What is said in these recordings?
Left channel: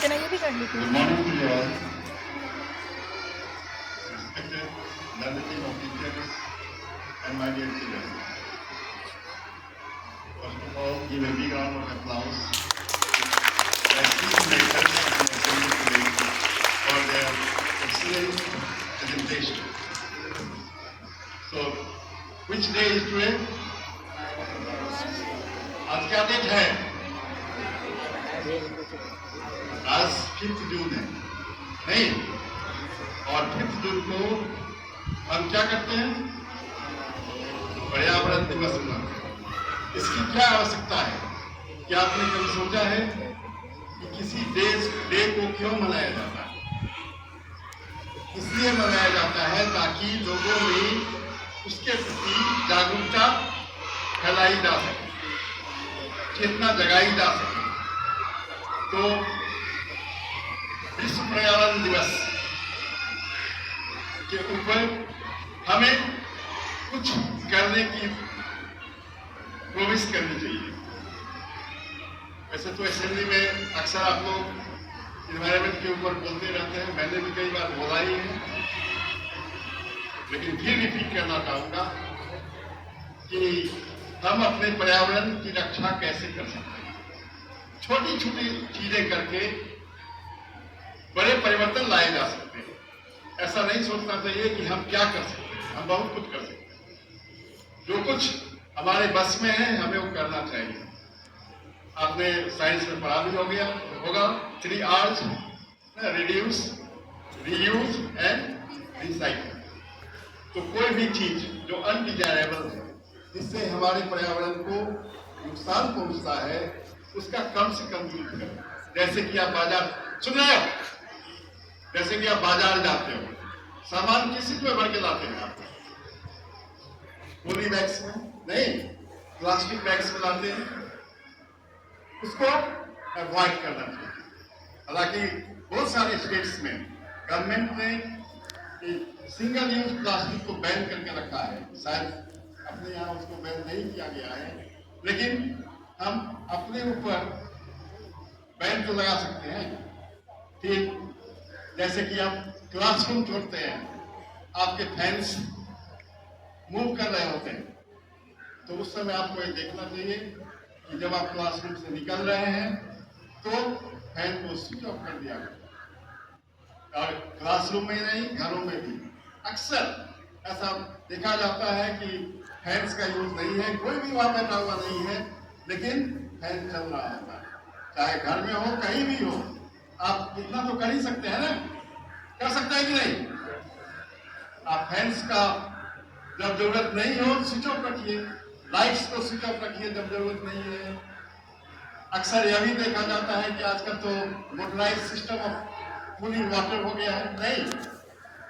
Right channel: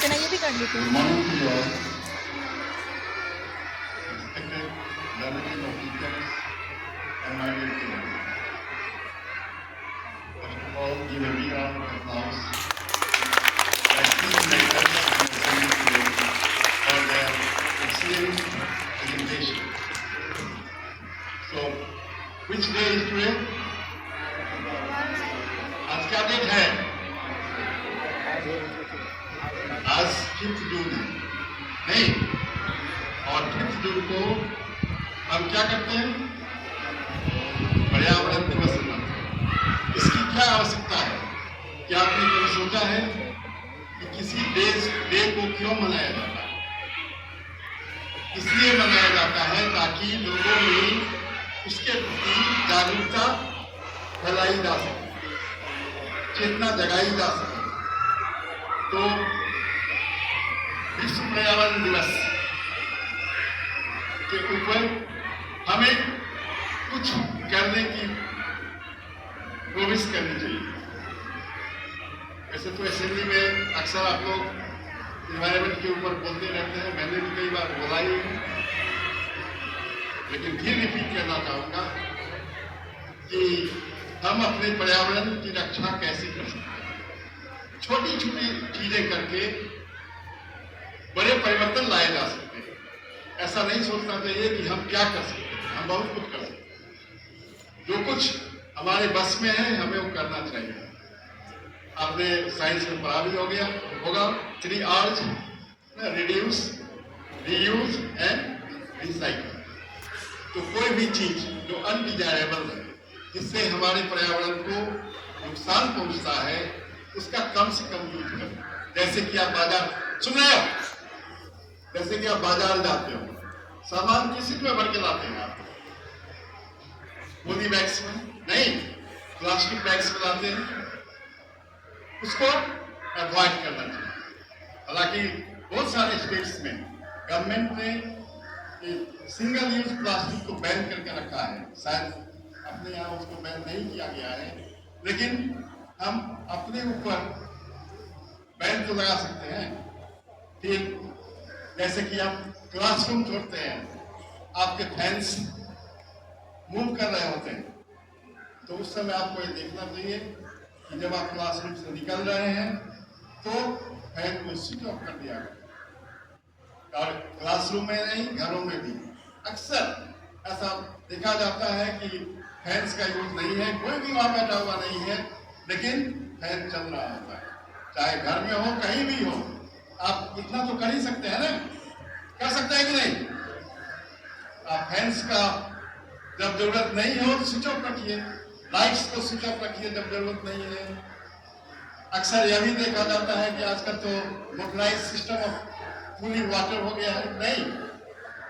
लेते ना, ये भी कर लेते Good morning to you all. Respected relative of teachers and my dear children. First of all, give a big round of applause. Like two lecturers in assembly today for their excellent presentation. So, which day is today? आज क्या date है? आज 5 जून है, नहीं? और 5 जून को हम क्या करते हैं? पर्यावरण दिवस मनाते हैं। इसकी क्या आवश्यकता है? क्या आपने कभी सोचा है कि किसी डे को क्यों मनाया जाता है? इसलिए मनाया जाता है ताकि लोगों में उसके प्रति जागरूकता फैलाई जा सके, चेतना जगाई जा सके। तो विश्व पर्यावरण दिवस के ऊपर हमें कुछ करने की प्रोमिस करनी चाहिए। वैसे तो असेंबली में अक्सर आप लोग एनवायरमेंट के ऊपर बोलते रहते हैं, मैंने भी कई बार बोला ही है, लेकिन फिर रिपीट करना चाहूंगा कि हम अपने पर्यावरण की रक्षा कैसे कर सकते हैं। छोटी छोटी चीजें करके बड़े परिवर्तन लाए जा सकते हैं। ऐसा नहीं सोचना चाहिए कि हम क्या कर सकते हैं, हम बहुत कुछ कर सकते हैं। जो कुछ हमारे बस में है हमें वो करना चाहिए। आपने साइंस में पढ़ा भी होगा 3 R's, reduce, reuse and recycle. तो कोई भी चीज जो अनडिजायरेबल है, जिससे हमारे पर्यावरण को नुकसान पहुंचता है, उसका कम से कम यूज करें। जैसे कि आप बाजार सुन रहे हो, जैसे कि आप बाजार जाते हो, सामान किस में भर के लाते हैं? आप पॉली बैग्स में नहीं, प्लास्टिक बैग्स में लाते हैं। उसको अवॉइड करना चाहिए। हालांकि बहुत सारे स्टेट्स में गवर्नमेंट ने सिंगल यूज प्लास्टिक को बैन करके रखा है। शायद अपने यहाँ उसको बैन नहीं किया गया है, लेकिन हम अपने ऊपर बैन तो लगा सकते हैं। फिर जैसे कि आप क्लासरूम छोड़ते हैं, आपके फैंस मूव कर रहे होते हैं, तो उस समय आपको ये देखना चाहिए कि जब आप क्लासरूम से निकल रहे हैं तो फैन को स्विच ऑफ कर दिया जाए। और क्लासरूम में नहीं, घरों में भी अक्सर ऐसा देखा जाता है कि फैंस का यूज नहीं है, कोई भी वहां बैठा हुआ नहीं है, लेकिन फैन चल रहा होता है। चाहे घर में हो, कहीं भी हो, आप इतना तो कर ही सकते हैं ना? कर सकते हैं कि नहीं? आप फैंस का जब जरूरत नहीं हो स्विच ऑफ रखिए, लाइट्स को स्विच ऑफ रखिए जब जरूरत नहीं है। अक्सर यह भी देखा जाता है कि आजकल तो motorise system of cooling water हो गया है। नहीं,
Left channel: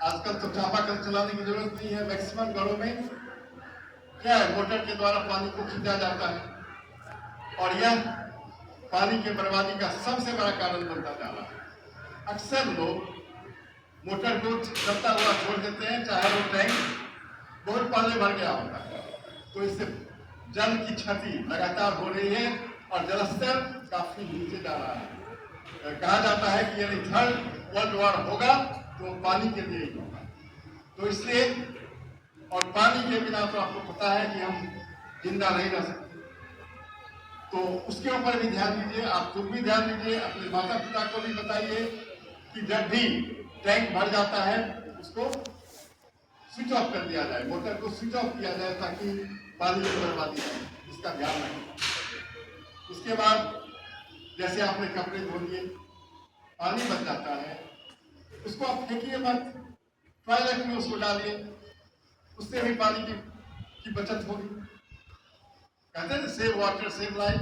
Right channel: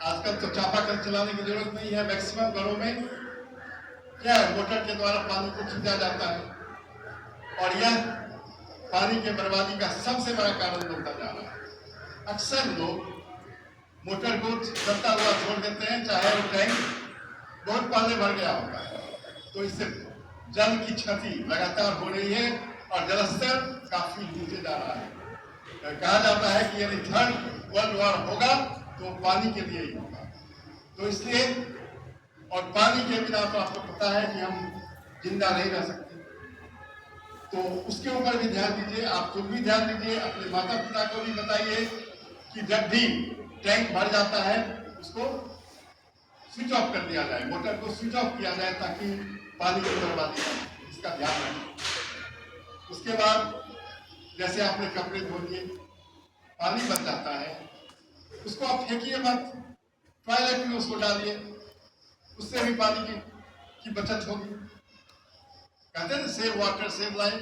आजकल तो चापाकल चलाने की जरूरत नहीं है। मैक्सिमम घरों में क्या है, मोटर के द्वारा पानी को खींचा जाता है, और यह पानी के बर्बादी का सबसे बड़ा कारण बनता जा रहा है। अक्सर लोग मोटर को चलता हुआ छोड़ देते हैं, चाहे वो टैंक बहुत पहले भर गया होता है, तो इससे जल की क्षति लगातार हो रही है और जलस्तर काफी नीचे जा रहा है। कहा जाता है कि यदि 3rd वर्ल्ड वॉर होगा तो पानी के लिए ही होगा। तो इसलिए, और पानी के बिना तो आपको पता है कि हम जिंदा नहीं रह सकते, तो उसके ऊपर भी ध्यान दीजिए। आप खुद भी ध्यान दीजिए, अपने माता पिता को भी बताइए कि जब भी टैंक भर जाता है उसको स्विच ऑफ कर दिया जाए, मोटर को स्विच ऑफ किया जाए, ताकि पानी की बर्बादी हो, इसका ध्यान रखें। उसके बाद जैसे आपने कपड़े धो लिए, पानी बच जाता है, उसको आप फेंकिए मत, टॉयलेट में उसको डालिए, उससे भी पानी की बचत होगी। कहते हैं सेव वाटर सेव लाइफ।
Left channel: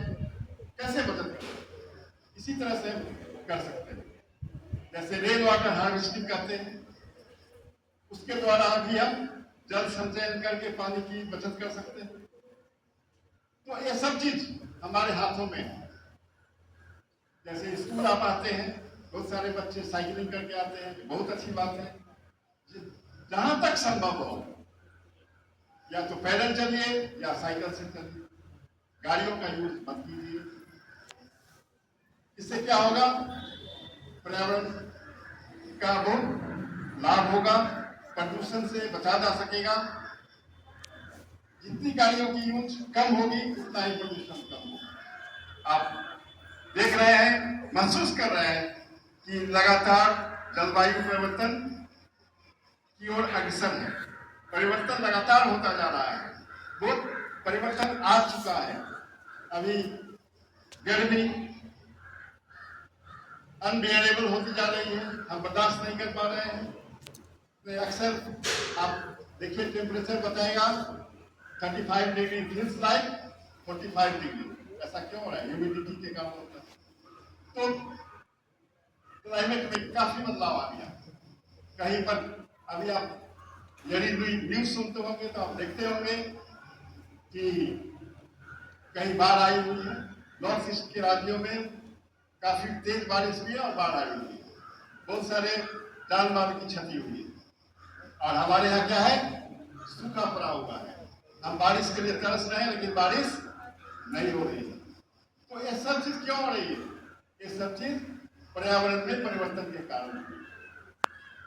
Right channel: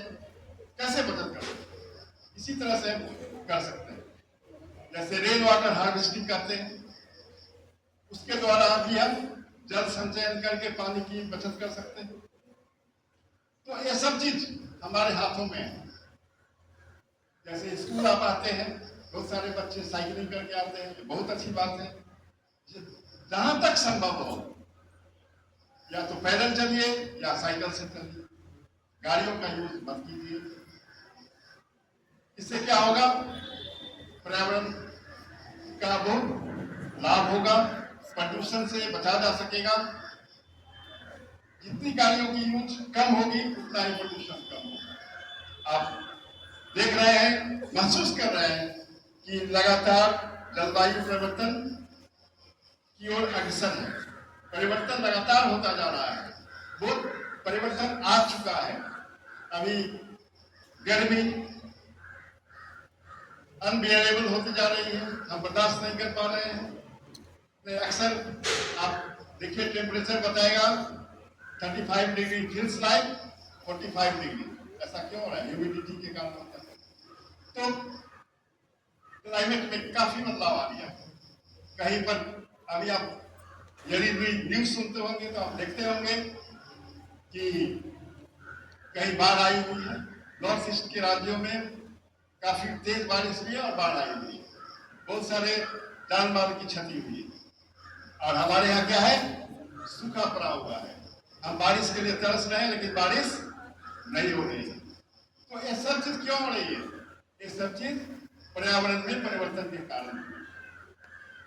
कैसे बचत कर सकते हैं? इसी तरह से कर सकते हैं। जैसे रेन वाटर हार्वेस्टिंग करते हैं, उसके द्वारा भी हम जल संचयन करके पानी की बचत कर सकते हैं। तो ये सब चीज हमारे हाथों में है। जैसे स्कूल आप आते हैं, बहुत सारे बच्चे साइकिलिंग करके आते हैं, बहुत अच्छी बात है। जहां तक संभव हो, या तो पैदल चलिए या साइकिल से चलिए, गाड़ियों का यूज मत कीजिए। इससे क्या होगा, पर्यावरण का बहुत लाभ होगा, प्रदूषण से बचा जा सकेगा। जितनी गाड़ियों की यूज कम होगी उतना ही प्रदूषण कम होगा। आप देख रहे हैं, महसूस कर रहे हैं कि लगातार जलवायु परिवर्तन की ओर अग्रसर है। परिवर्तन लगातार होता जा रहा है, बहुत परिवर्तन आ चुका है। अभी गर्मी अनबियरेबल होती जा रही है, हम बर्दाश्त नहीं कर पा रहे हैं। अक्सर आप देखिए टेम्परेचर बताएगा 35 डिग्री, फील्स लाइक 45 डिग्री। ऐसा क्यों हो रहा है? ह्यूमिडिटी के कारण होता है। तो क्लाइमेट में काफी बदलाव आ गया। कहीं पर अभी आप यदि न्यूज सुनते होंगे तो आप देखते होंगे कि कहीं बाढ़ आई हुई है। नॉर्थ ईस्ट के राज्यों में काफी तेज बारिश हुई है और बाढ़ आई हुई है, बहुत सारे जान माल की क्षति हुई है। और हमारे यहाँ क्या है? सूखा पड़ा हुआ है। हम बारिश के लिए तरस रहे हैं लेकिन बारिश नहीं हो रही है। तो ये सब चीज क्यों हो रही है? ये सब चीज पर्यावरण में परिवर्तन के कारण।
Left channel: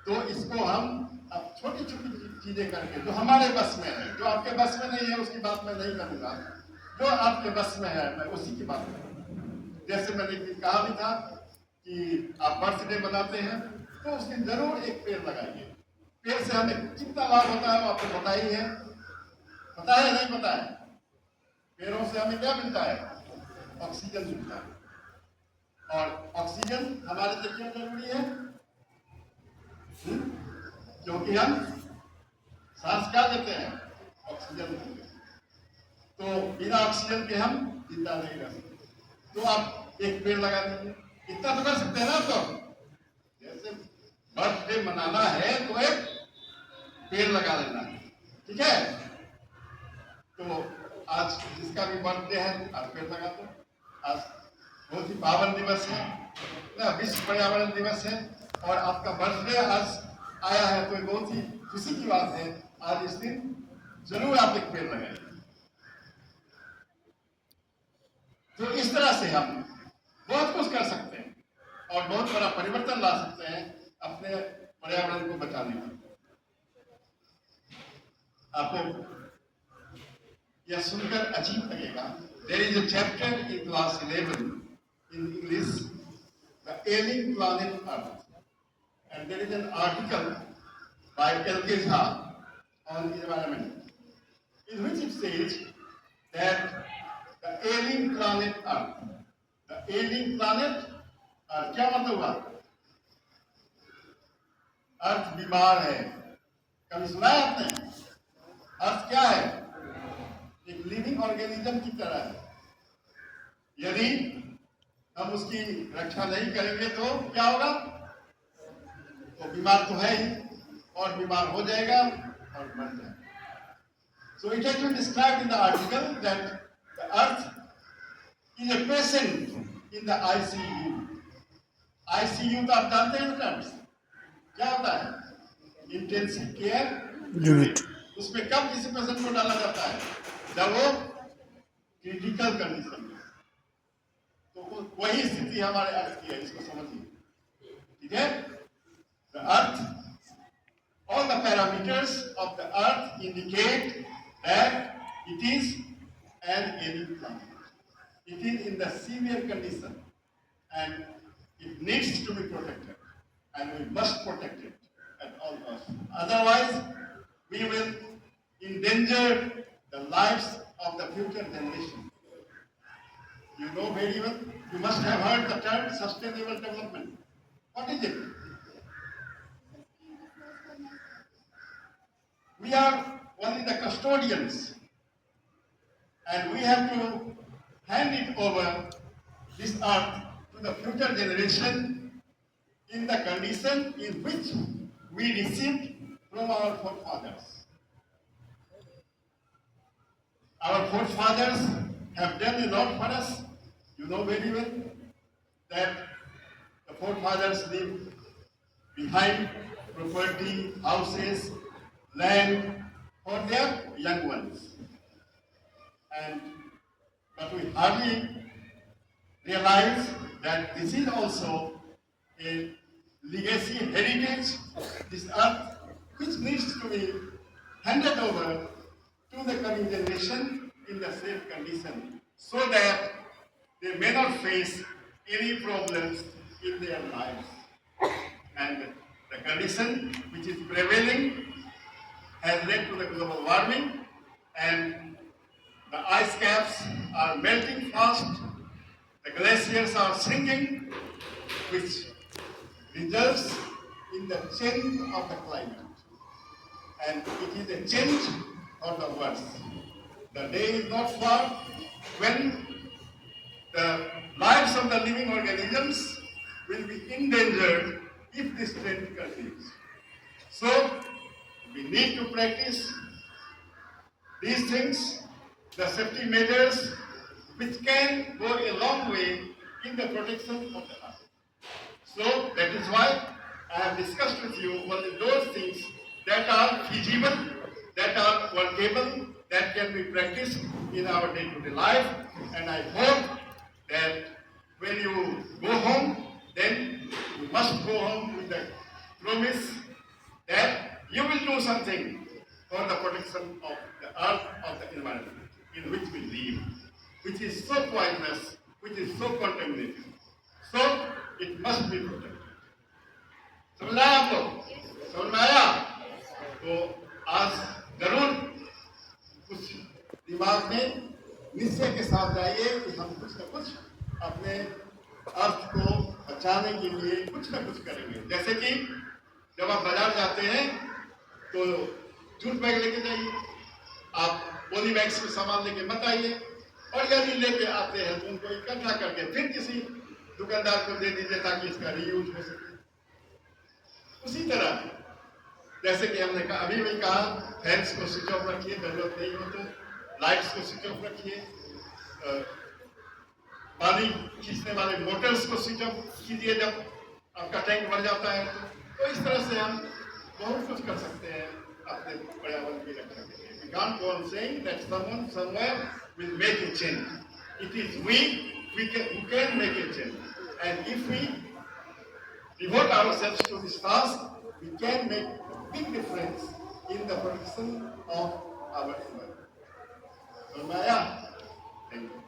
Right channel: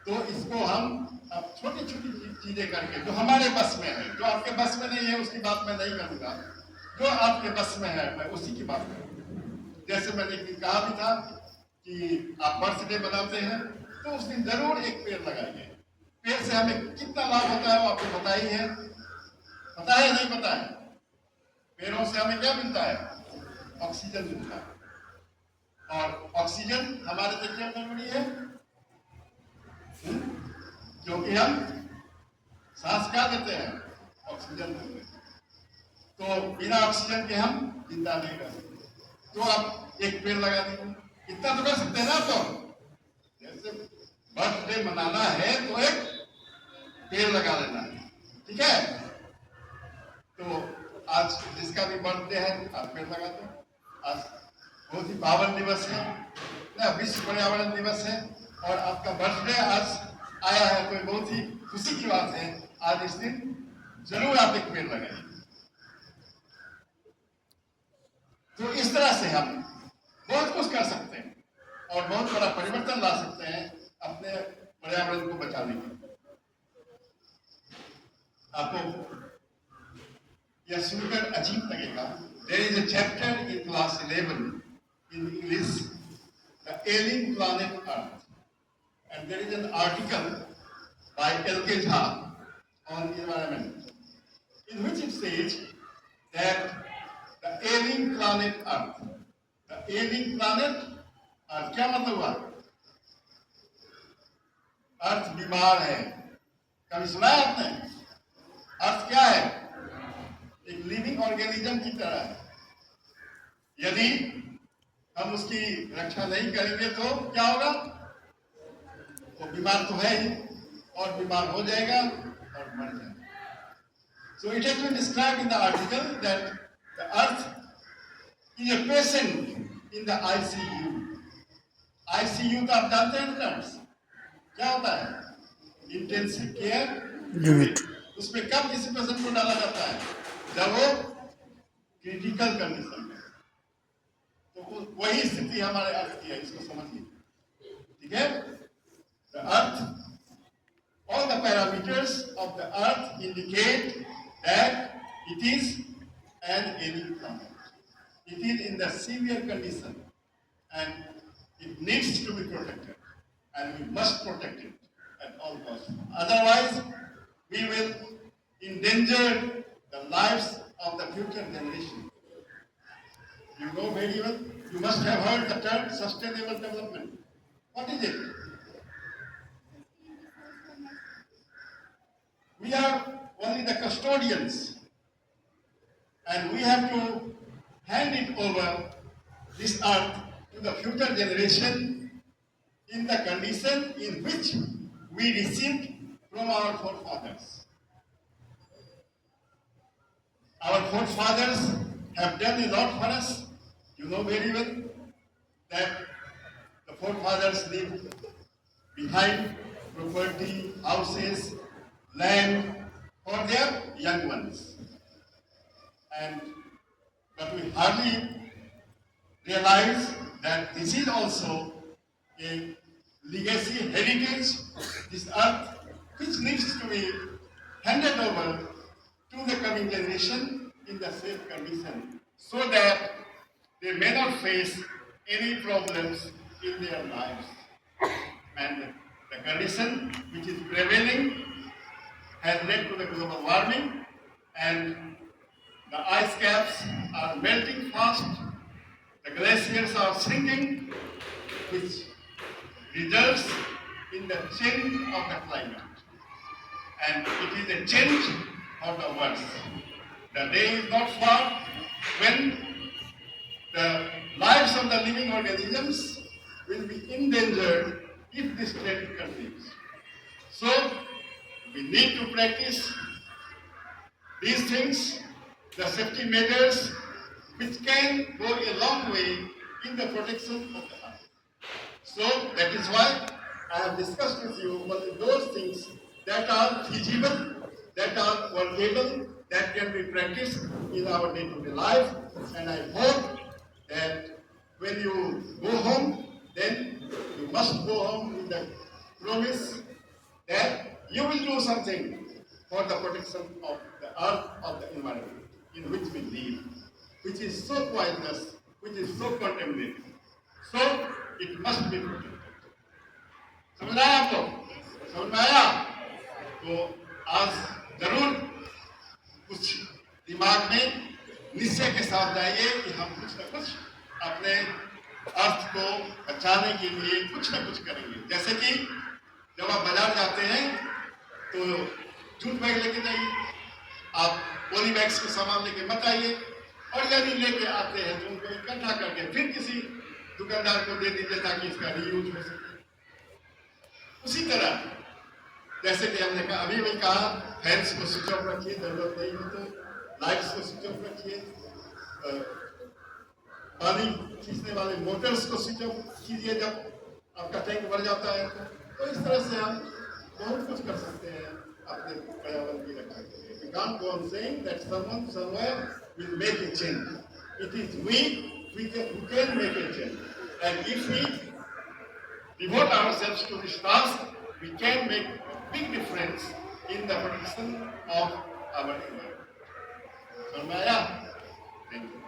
तो इसको हम अब छोटी छोटी चीजें करके, जो हमारे बस में है, जो आपके बस में नहीं है उसकी बात मैं नहीं करूंगा, जो आपके बस में है मैं उसी की बात करूंगा। जैसे मैंने कहा भी था कि आप बर्थडे बनाते हैं तो उस दिन जरूर एक पेड़ लगाइए। पेड़ से हमें कितना लाभ होता है वो आपको पता ही है। पता है नहीं पता है? पेड़ों से हमें क्या मिलता है? ऑक्सीजन मिलता है। और ऑक्सीजन हमारे लिए क्यों जरूरी है? क्योंकि हम सांस क्या लेते हैं? ऑक्सीजन लेते हैं। तो बिना ऑक्सीजन के हम जिंदा नहीं रह सकते। तो आप एक पेड़ लगा दीजिए। इतना तो कर सकते हैं ना। तो जैसे बर्थडे मनाना है तो एक पेड़ लगा लेना है, ठीक है? तो आज जिसका भी बर्थडे है आप पेड़ लगा दो। आज बहुत ही पावन दिवस है ना, विश्व पर्यावरण दिवस है। और आपका बर्थडे आज आया है तो बहुत ही खुशी की बात है। आज इस दिन जरूर आप एक पेड़ लगाइए। तो इस तरह से हम बहुत कुछ कर सकते हैं और बहुत बड़ा परिवर्तन ला सकते हैं अपने पर्यावरण को बचाने के। आपको यह सुनकर अजीब लगेगा। There is a chapter in class 11 in English, The Ailing Planet Earth, and there is an article by L.K. Jha on environment, in which it says that the ailing planet Earth, the ailing planet Earth क्या मतलब हुआ? अर्थ बीमार है। कभी सुना है आपने? अर्थ क्या है? एक लिविंग ऑर्गेनिज्म की तरह है। यदि हम उसकी रक्षा नहीं करेंगे तो क्या होगा? वो बीमार तो है ही, और बीमार हो जाएगा और मर जाएगा। So it has been described in the article that the earth is a patient in the ICU. ICU तो आप जानते हैं टर्म्स क्या होता है? Intensive care unit. उसमें कब किसी पेशेंट को डाला जाता है? जब वो क्रिटिकल कंडीशन में। तो वही स्थिति हमारे अर्थ की है, इसको समझिए, ठीक है? The earth, all the parameters of the earth indicate that it is an ailing planet. It is in the severe condition and it needs to be protected, and we must protect it at all costs. Otherwise, we will endanger the lives of the future generation. You know very well, you must have heard the term sustainable development. What is it? We are only the custodians, and we have to hand it over, this earth, to the future generation in the condition in which we received from our forefathers. Our forefathers have done a lot for us. You know very well that the forefathers lived behind property, houses, land for their young ones. But we hardly realize that this is also a legacy, heritage, this earth, which needs to be handed over to the coming generation in the safe condition, so that they may not face any problems in their lives. And the condition which is prevailing has led to the global warming, and the ice caps are melting fast, the glaciers are shrinking, which results in the change of the climate. And it is a change for the worse. The day is not far when the lives of the living organisms will be endangered if this trend continues. So, we need to practice these things, the safety measures, which can go a long way in the protection of the earth. So, that is why I have discussed with you only those things that are feasible, that are workable, that can be practiced in our day-to-day life. And I hope that when you go home, then you must go home with the promise that you will do something for the protection of the earth, of the environment in which we live, which is so poisonous, which is so contaminated. So it must be protected. समझ आया आपको? समझ में आया? तो आज जरूर कुछ दिमाग में निश्चय के साथ लाइए कि हम कुछ न कुछ अपने अर्थ को बचाने के लिए कुछ न कुछ करेंगे। जैसे कि जब आप बाजार जाते हैं तो जूट बैग लेके जाइए, आप पॉली बैग्स के सामान लेके मत आइए, और यदि लेके आते हैं तो उनको इकट्ठा करके फिर किसी दुकानदार को दे दीजिए ताकि इसका रीयूज हो सके। उसी तरह जैसे कि हमने कहा, अभी भी कहा, फैंस को स्विच ऑफ रखिए, जरूरत नहीं हो तो लाइट्स को स्विच ऑफ रखिए, पानी खींचने वाले मोटर्स को स्विच ऑफ कीजिए जब आपका टैंक भर जाता है। तो इस तरह से हम बहुत कुछ कर सकते हैं अपने पर्यावरण की रक्षा के लिए। We can't go on saying that someone somewhere will make a change. It is we who can make a change. And if we devote ourselves to this task, we can make a big difference in the protection of our environment. So, Maya, thank you.